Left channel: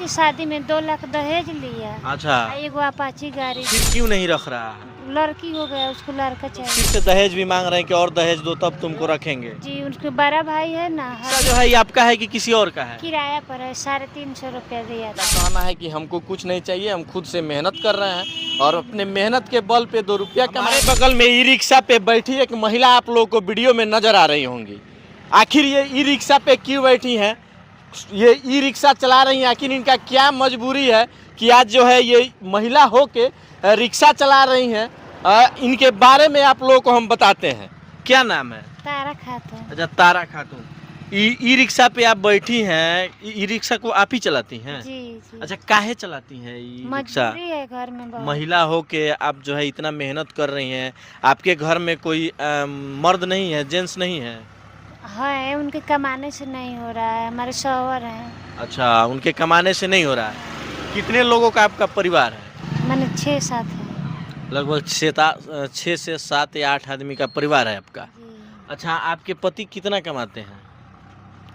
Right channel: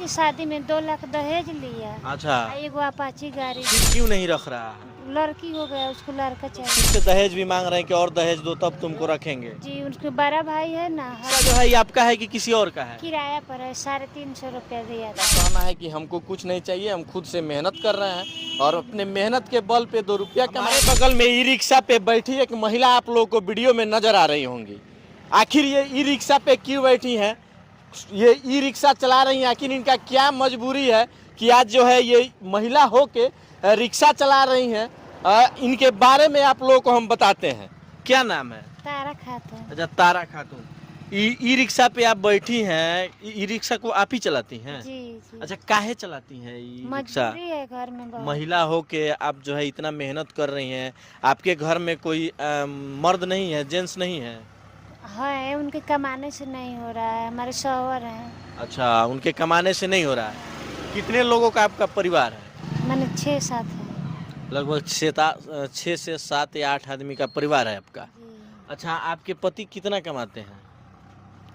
की शादी में 2 लाख दहेज लिया। अच्छा, एगो अपाची गाड़ी। फिर क्यों नहीं रख रहा है? लड़की हो गया, उसको लड़का चाहिए। फिर से दहेज भी मांग रहे हैं कि और दहेज दो तब तुमको रखेंगे। जी, उनके बड़ा भाई है ना, भाई आपका है कि किसी और का है? किराया पर है, 350 रुपया दिया था। कहना है कि हमको कुछ नहीं चाहिए, हम खुद से मेहनत कर रहे हैं और अपने मेहनत के बल पे 2 रुपया कमाए। बगल में ई रिक्शा पे बैठी एक महिला आप लोगों को वीडियो में नजर आ रही होंगी। आखिर ये ई रिक्शा पे क्यों बैठी हैं? ये ई रिक्शा चला रही हैं, आखिर इनका क्या मजबूरी है कि आज जो है ये महिला हो के रिक्शा चला रही हैं? इनके बारे में आप लोगों को हम बताते हैं। क्या नाम है? तारा खातून। अच्छा, तारा खातून। ई रिक्शा पे आप बैठी हैं, ई रिक्शा को आप ही चलाती हैं? जी जी। अच्छा, काहे चलाती हैं ई रिक्शा? मजबूरी है घर में बहुत। महिला हो के आप जो है इतना मेहनत कर रही हैं, आपके घर में कोई मर्द नहीं है, जेंट्स नहीं है? है, उनके कमाने से नहीं हो रहा है, हमारे शौहर हैं। अच्छा, उनके कमाने से नहीं हो रहा है। कितने लोगों का आपका परिवार है? मैंने 6-7 है। लगभग 6 से 7 या 8 आदमी का परिवार है आपका। जी। अच्छा, आपके पति कितना कमाते हैं?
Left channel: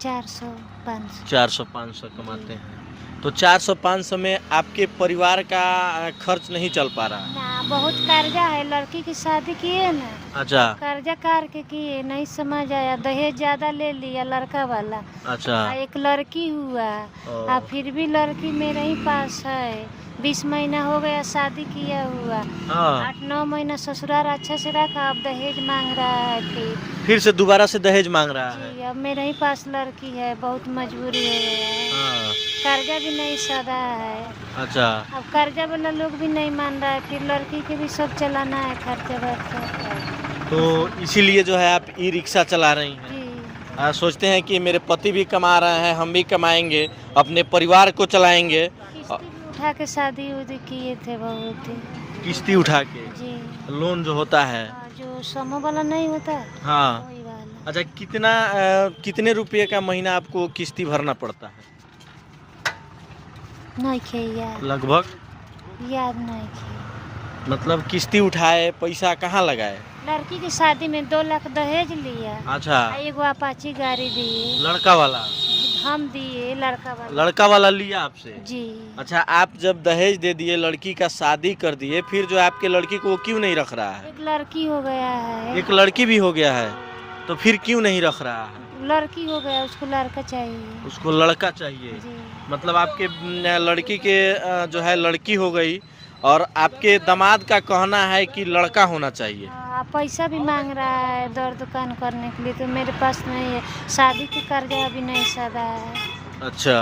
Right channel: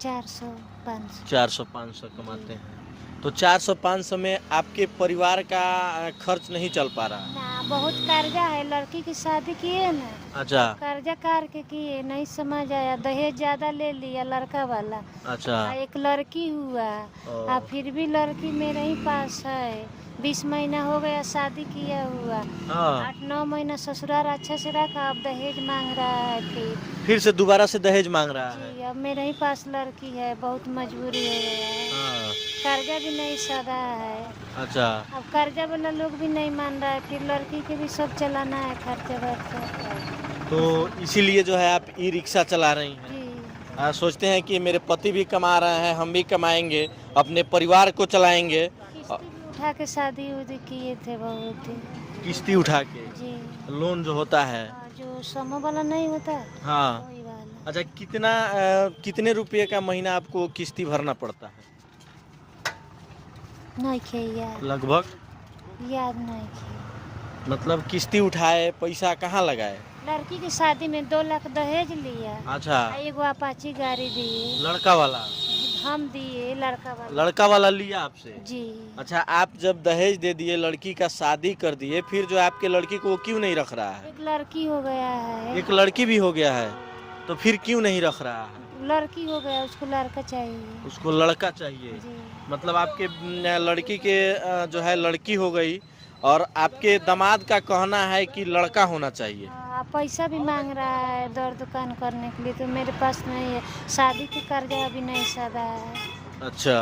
400-500। 400-500 कमाते हैं। तो 400-500 में आपके परिवार का खर्च नहीं चल पा रहा है? ना, बहुत कर्जा है, लड़की की शादी किए ना, अच्छा कर्जा कार के किए, नहीं समझ आया, दहेज ज्यादा ले लिया लड़का वाला। अच्छा। एक लड़की हुआ, फिर भी लड़की मेरे ही पास है। 20 महीना हो गया शादी किया हुआ, 8-9 महीना ससुराल अच्छा से रखा, अब दहेज मांग रहा है। फिर से दोबारा से दहेज मांग रहा है? जी, अब मेरे ही पास लड़की है, बहुत मजबूरी है, कर्जा भी नहीं सदा है। अच्छा। अब कर्जा वाला लोग भी नहीं मान रहा है, फिर लड़की के भी सब चलाना है, खर्चा वर्चा। तो इसीलिए जो है आप ई रिक्शा चला रही हैं? जी। सोचते हैं कि मेरे पति भी कमा रहे हैं, हम भी कमाएंगे, अपने परिवार को चलाएंगे। किस्ती भी उठा के शादी उदी किए थे बहुत। किस्ती उठा के? जी। लोन जो होता है, जो समूह वाला नहीं होता है, हाँ। वही वाला। अच्छा, कितने रुपये का महीना आपको किस्ती भरना पड़ता है? नहीं खे याद, लगभग याद नहीं खे। मतलब किस्ती उठाए, पैसा कहाँ लगाए? लड़की की शादी में 2 लाख दहेज लिया। अच्छा। एगो अपाची गाड़ी दिए। लड़का वाला? हम दिए, लड़का वाला लिया आपसे? जी। अच्छा, आप जब दहेज दे दिए, लड़की का शादी कर दिए, फिर जो आपके लड़की को वो क्यों नहीं रख रहा है? एक लड़की हो गया है। एक लड़की भी हो गया है, तो फिर क्यों नहीं रख रहा है? लड़की हो गया, उसको लड़का चाहिए। उसको लड़का चाहिए? जी। मतलब आपके लड़की के जो है लड़की हो गई और आपके दामाद का कहना है कि लड़का होना चाहिए। पैसा भी मांग रहा है दर दुकान करने के लिए, तो मेरे पास नहीं है, शादी की कर्जा अभी नहीं सदा है। अच्छा,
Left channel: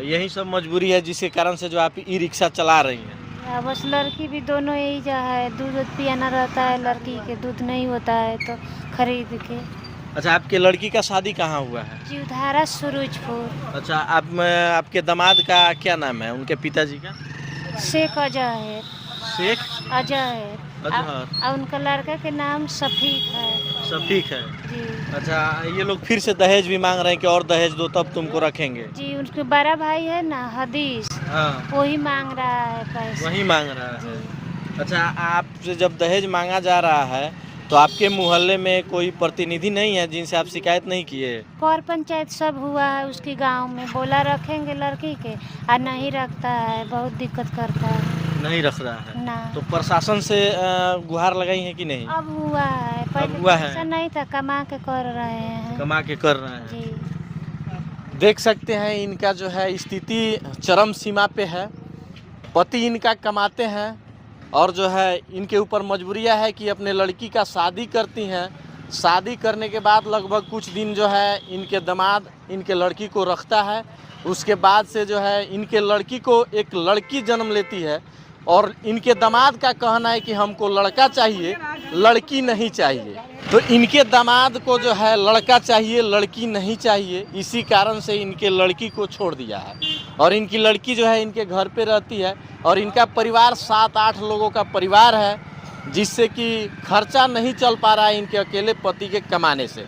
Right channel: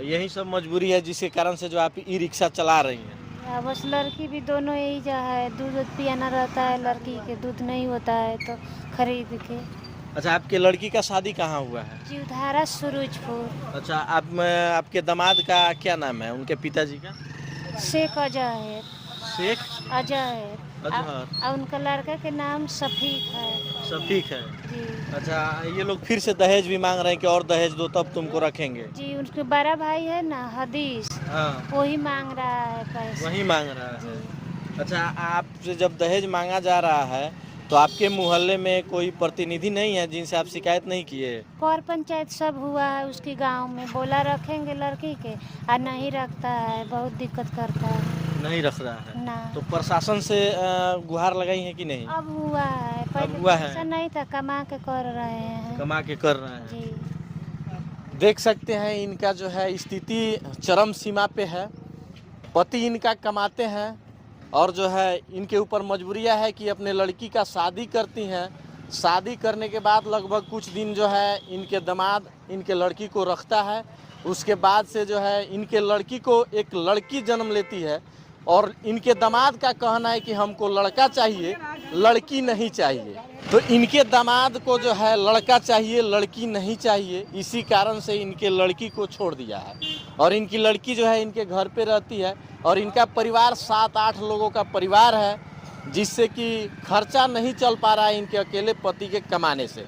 यही सब मजबूरी है जिसके कारण से जो आप ई रिक्शा चला रही हैं? बस लड़की भी दोनों यही जो है, दूध पियाना रहता है, लड़की के दूध नहीं होता है तो खरीद के। अच्छा, आपके लड़की का शादी कहाँ हुआ है? जीवधारा सूरजपुर। अच्छा, आपके दामाद का क्या नाम है, उनके पिताजी का? शेख अजहर। शेख अजहर। और उनका लड़का के नाम शफीक है। शफीक है? जी। अच्छा, ये लोग फिर से दहेज भी मांग रहे हैं कि और दहेज दो तब तुमको रखेंगे? जी, उनके बड़ा भाई है ना हदीस, वही मांग रहा है पैसा। वही मांग रहा है? अच्छा, आपसे जब दहेज मांगा जा रहा है तो आपके मोहल्ले में कोई प्रतिनिधि नहीं है जिनसे आप शिकायत नहीं किए? पर पंचायत सब हुआ है उसके गांव में, बोला रखेंगे लड़की के, और नहीं रखता है, बहुत दिक्कत करता है। नहीं रख रहा है ना। तो प्रशासन से गुहार लगाई है कि नहीं? अब हुआ है, पहले हुआ है? ऐसा नहीं था, कमा के कर रहे हैं। कमा के कर रहे हैं? जी। देख सकते हैं इनका जो है स्थिति चरम सीमा पे है। पति इनका कमाते हैं और जो है इनके ऊपर मजबूरियां है कि अपने लड़की का शादी करती हैं। शादी करने के बाद लगभग कुछ दिन जो है इनके दामाद इनके लड़की को रखता है, उसके बाद से जो है इनके लड़की को एक लड़की जन्म लेती है और इनके दामाद का कहना है कि हमको लड़का चाहिए, लड़की नहीं चाहिए। तो इनके दामाद को जो है लड़का चाहिए, लड़की नहीं चाहिए, इसी कारण से इनके लड़की को छोड़ दिया है और इनकी लड़की जो है इनके घर पे रहती है और इनका परिवार 7-8 लोगों का परिवार है, जिससे कि खर्चा नहीं चल पा रहा है इनके अकेले पति के कमाने से।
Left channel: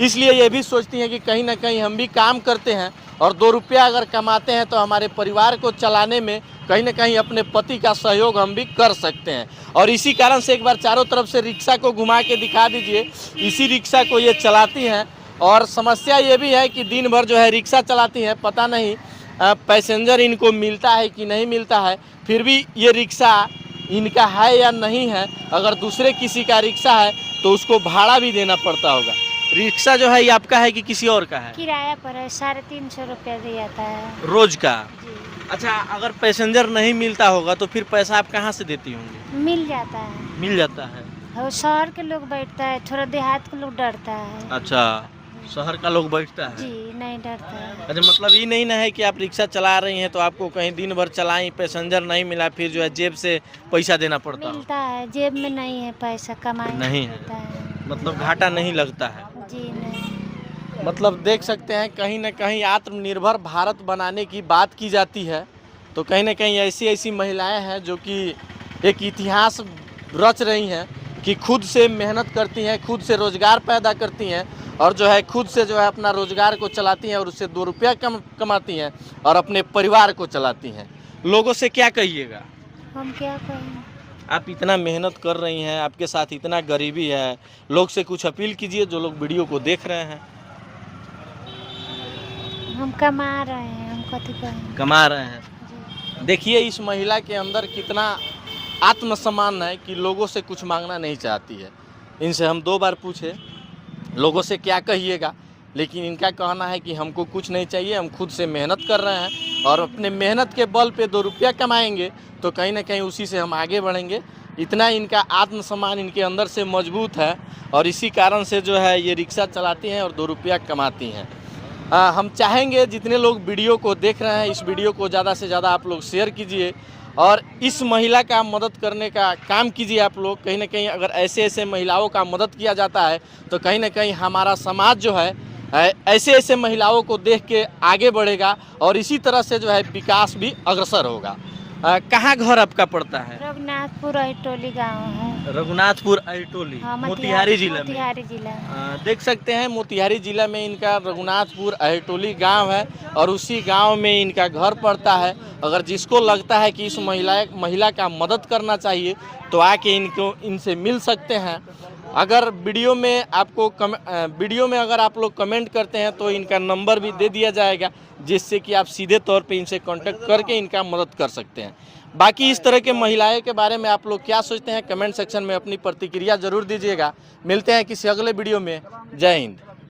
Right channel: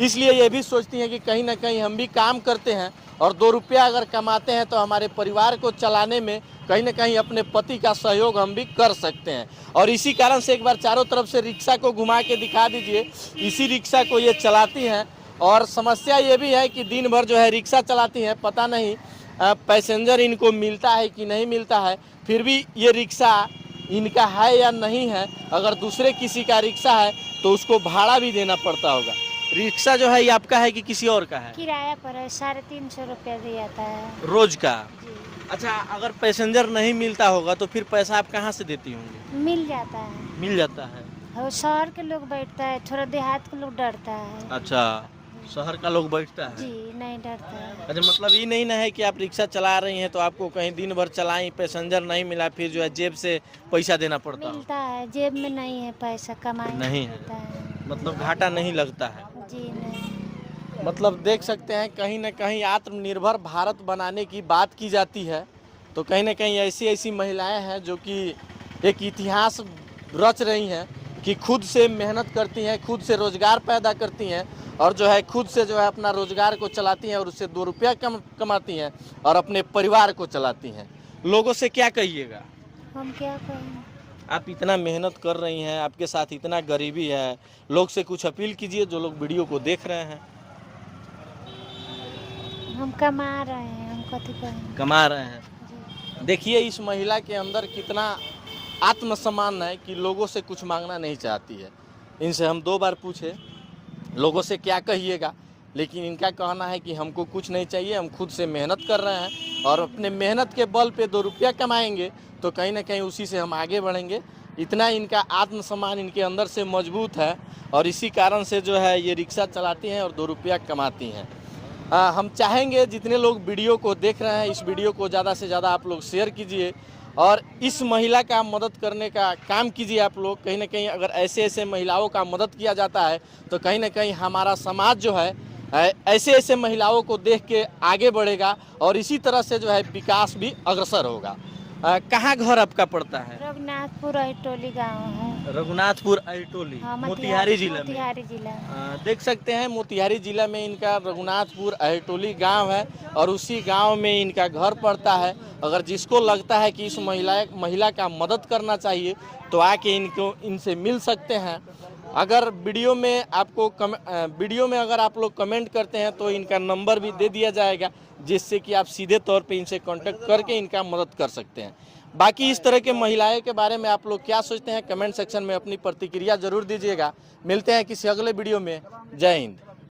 इसलिए ये भी सोचती हैं कि कहीं ना कहीं हम भी काम करते हैं और 2 रुपया अगर कमाते हैं तो हमारे परिवार को चलाने में कहीं ना कहीं अपने पति का सहयोग हम भी कर सकते हैं। और इसी कारण से एक बार चारों तरफ से रिक्शा को घुमा के दिखा दीजिए। इसी रिक्शा को ये चलाती हैं और समस्या ये भी है कि दिन भर जो है रिक्शा चलाती हैं, पता नहीं पैसेंजर इनको मिलता है कि नहीं मिलता है, फिर भी ये रिक्शा इनका है या नहीं है। अगर दूसरे किसी का रिक्शा है तो उसको भाड़ा भी देना पड़ता होगा। रिक्शा जो है ये आपका है कि किसी और का है? किराया पर है, 350 रुपया दिया जाता है रोज का। जी। अच्छा, अगर पैसेंजर नहीं मिलता होगा तो फिर पैसा आप कहाँ से देती होंगी? मिल जाता है, मिल जाता है। और शहर के लोग बैठता है, थोड़ा देहात के लोग डरता है। अच्छा, शहर का लोग बैठता है। जी, नहीं डरता है। अच्छा, मतलब ये नहीं ना है कि आप रिक्शा चला रही हैं तो आपको कहीं दिन भर चलाई, पैसेंजर नहीं मिला, फिर जो है जेब से पैसा देना पड़ता हो? मिलता है, जेब में नहीं है पैसा, कमाई नहीं है। होता है। मतलब घाटा नहीं लगता है। जी नहीं। मतलब देख सकते हैं कहीं ना कहीं आत्मनिर्भर भारत बनाने की बात की जाती है तो कहीं ना कहीं ऐसी ऐसी महिलाएं हैं जो कि एक इतिहास रच रही हैं कि खुद से मेहनत करती हैं, खुद से रोज़गार पैदा करती हैं और जो है खुद से जो है अपना रोज़गार को चलाती हैं और उससे 2 रुपया कमाती हैं और अपने परिवार को चलाती हैं। लोगों से क्या कहिएगा? हम क्या कहें? आप इतना मेहनत कर रही हैं, आपके साथ इतना गरीबी है, लोग से कुछ अपील कीजिए जो लोग वीडियो को देख रहे हैं। हम कमा रहे हैं, हम कथी कहें? कमा रहे हैं। जी। देखिए इस महिला के अंदर कितना आत्मसम्मान है कि लोगों से कुछ मांगना नहीं चाहती है। इनसे हम 2 बार पूछे लोगों से क्या कहिएगा, लेकिन इनका कहना है कि हमको कुछ नहीं चाहिए, हम खुद से मेहनत कर रहे हैं और अपने मेहनत के बल पे 2 रुपया कमाएंगे तो कहीं ना कहीं उसी से हम आगे बढ़ेंगे। इतना इनका आत्मसम्मान इनके अंदर से मजबूत है और इसी कारण से जो है ये रिक्शा चलाती हैं और 2 रुपया कमाती हैं। हम चाहेंगे जितने लोग वीडियो को देख रहे हैं इस वीडियो को ज़्यादा से ज़्यादा आप लोग शेयर कीजिए और इस महिला का मदद करने का काम कीजिए आप लोग। कहीं ना कहीं अगर ऐसे ऐसे महिलाओं का मदद किया जाता है तो कहीं ना कहीं हमारा समाज जो है ऐसे ऐसे महिलाओं को देख के आगे बढ़ेगा और इसी तरह से जो है विकास भी अग्रसर होगा। कहाँ घर आपका पड़ता है? रघुनाथपुर अहिटोली गाँव है। रघुनाथपुर अहिटोली, हाँ, मोतिहारी जिला में। मोतिहारी जिला में। देख सकते हैं मोतिहारी जिला में इनका रघुनाथपुर अहिटोली गांव है और उसी गांव में इनका घर पड़ता है। अगर जिसको लगता है कि इस महिला का मदद करना चाहिए तो आके इनसे मिल सकते हैं। अगर वीडियो में अगर आप लोग कमेंट करते हैं तो इनका नंबर भी दे दिया जाएगा जिससे कि आप सीधे तौर पे इनसे कांटेक्ट करके इनका मदद कर सकते हैं। बाकी इस तरह के महिलाएं के बारे में आप लोग क्या सोचते हैं कमेंट सेक्शन में अपनी प्रतिक्रिया ज़रूर दीजिएगा। मिलते हैं किसी अगले वीडियो में। जय हिंद।